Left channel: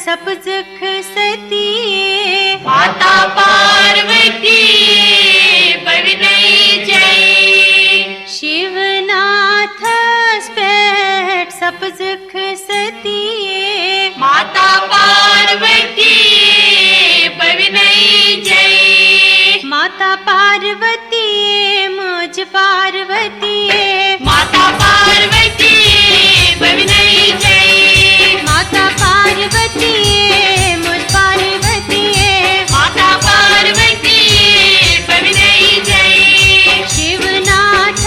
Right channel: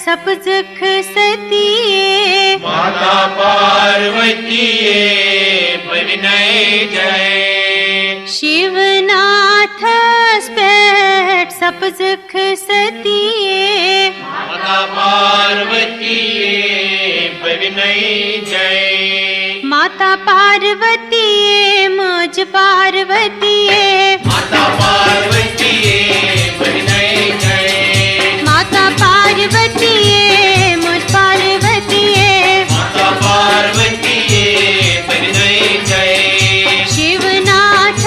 सब दुख सतिए, माता पार्वती बड़नई जय। शिवनाथ स्पेट सब दुख सतिए, माता पार्वती बड़नई जय। माता पार्वती मुझ पार्वती, माता पार्वती बड़नई जय। माता पार्वती मुझ पार्वती, माता पार्वती बड़नई जय। शिवनाथ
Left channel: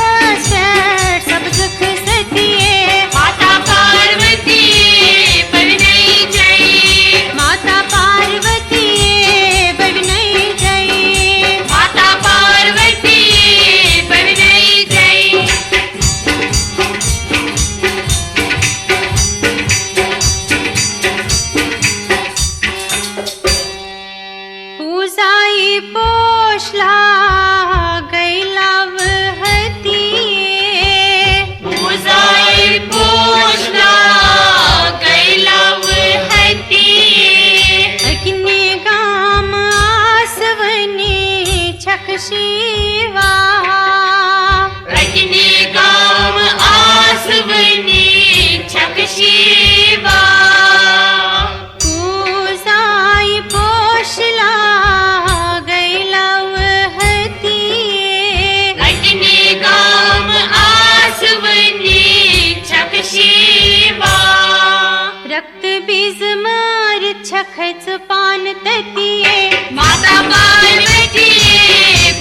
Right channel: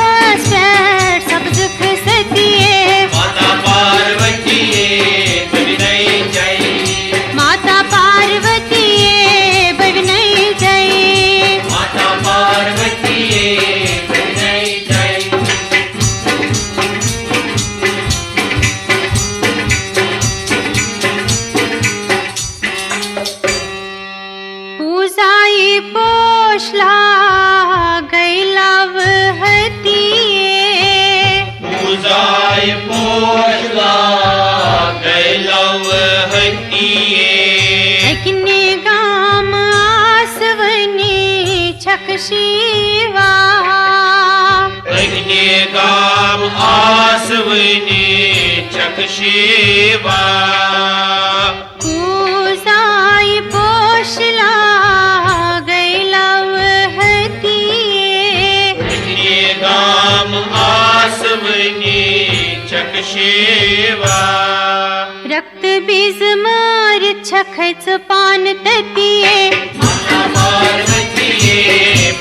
स्पेट सब दुख सतिए, माता पार्वती बड़नई जय। माता पार्वती बड़नई जय। माता पार्वती बड़नई जय। पूजाई पोषला गैलाव हतिए, पूजाई पोषला गैलाव हतिए। अग्नि गाम आसवनी छक शिवा, अग्नि गाम आसवनी छक शिवा। पूजाई पोषला गैलाव हतिए, अग्नि गाम आसवनी छक शिवा। रक्त बीज मार छखच पान ततिए, माता पार्वती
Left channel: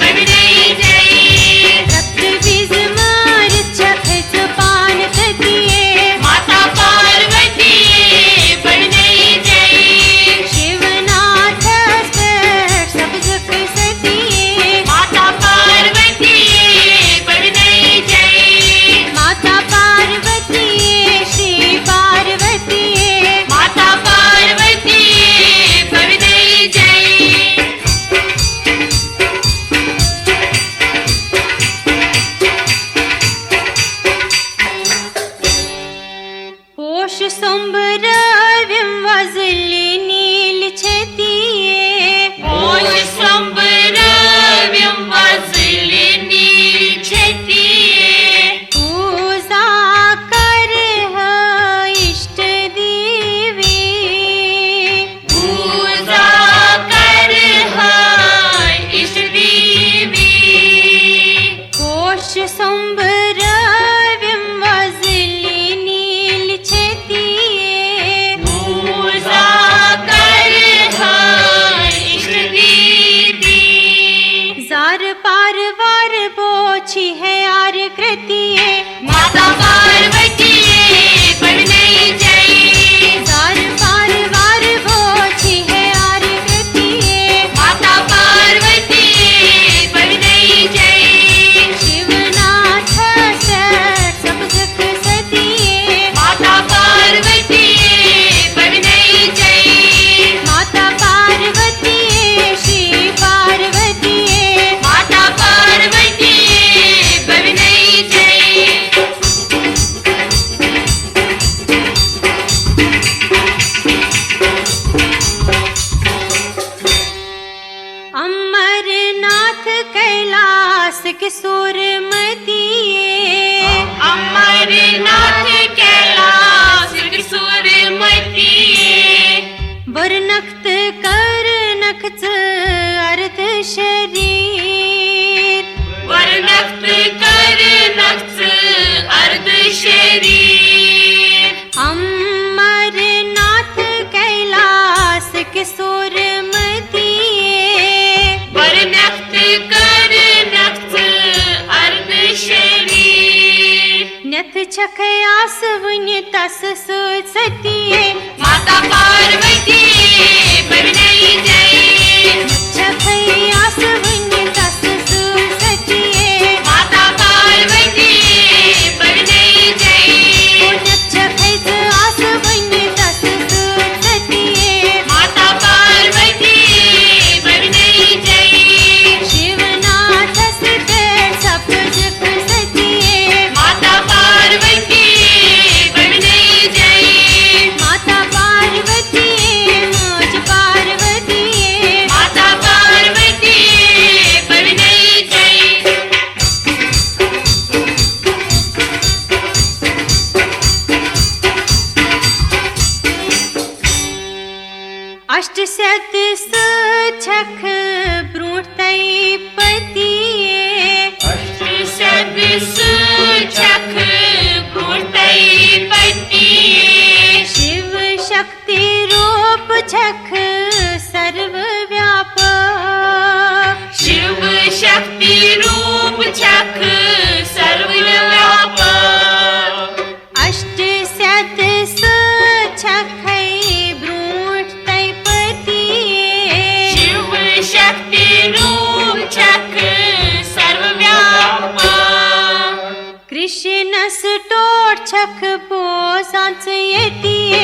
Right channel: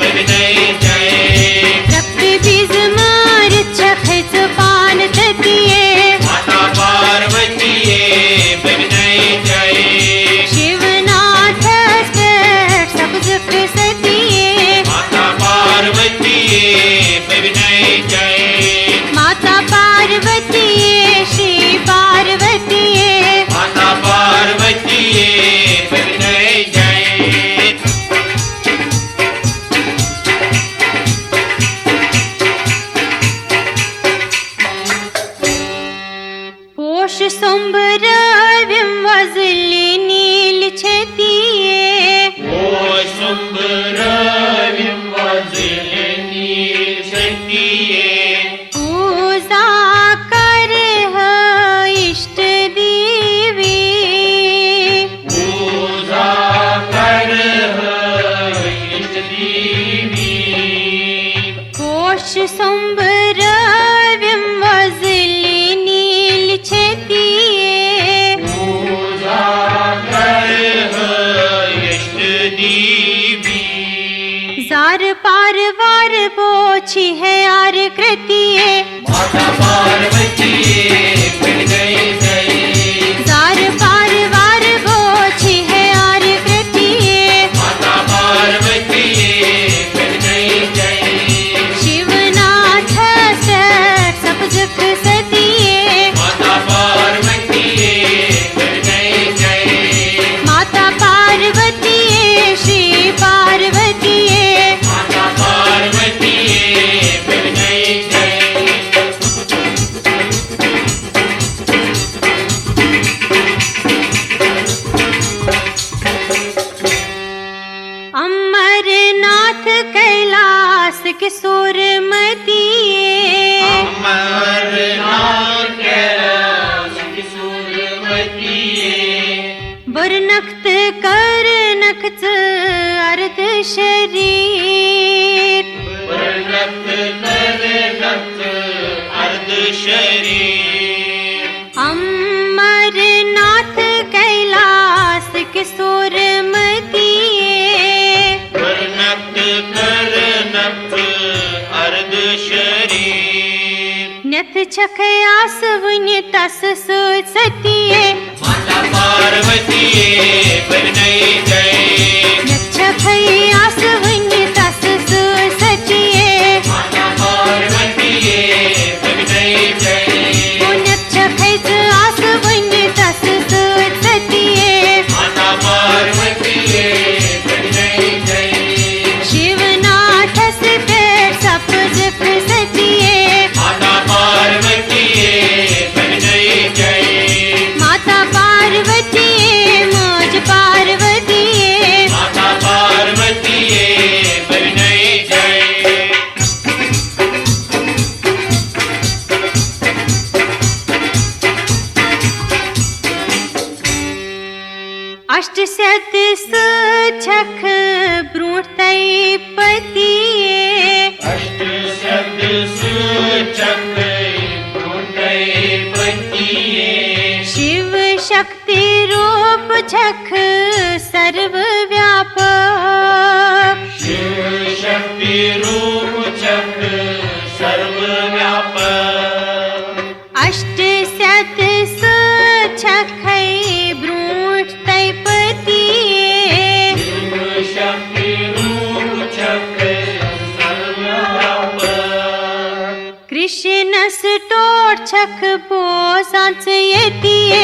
बड़नई जय। रक्त बीज मार छखच पान ततिए, माता पार्वती बड़नई जय। शिवनाथ स्पेट सब दुख सतिए, माता पार्वती बड़नई जय। माता पार्वती श्री पार्वती, माता पार्वती बड़नई जय। पोष सोमरविं वजली नील छतिए, ओ संबरव्यं वजलिनी छतिए। पूजा कर इष्ट देवी, पूजा कर इष्ट देवी। पोष सोमरविं वजली नील छतिए, पूजा कर इष्ट देवी। जार पार वार बोछी है आर कृतिए, माता पार्वती बड़नई जय। जार पार वार बोछी है आर कृतिए, माता पार्वती बड़नई जय। शिवनाथ स्पेट सब दुख सतिए, माता पार्वती बड़नई जय। माता पार्वती श्री पार्वती, माता पार्वती बड़नई जय। अमरनाथ कैलाश किशोर मतिए, अमरनाथ कैलाश किशोर मतिए। बरनख्त कर नख्त अर्ध शरीर, वर्णक्त कर नक्ष अर्ध शरीर। अमरनाथ कैलाश किशोर मतिए, वर्णक्त कर नक्ष अर्ध शरीर। नथ छख आसवन्य तस सतिए, माता पार्वती बड़नई जय। नथ छख आसवन्य तस सतिए, माता पार्वती बड़नई जय। ओ नथ छख आसवन्य तस सतिए, माता पार्वती बड़नई जय। शिवनाथ स्पेट सब दुख सतिए, माता पार्वती बड़नई जय। माता पार्वती सत सुछख ब्रूठ तई पतिए अष्ट सत सुछख ब्रूठ पतिए शिव शक्ति रूप छख सर्व व्यापक शिव शक्ति रूप छख सर्व व्यापक अष्ट सत सुछख ब्रूठ तई पतिए शिव शक्ति रूप छख सर्व व्यापक कृष्ण सटोर छख बो सांस यतिए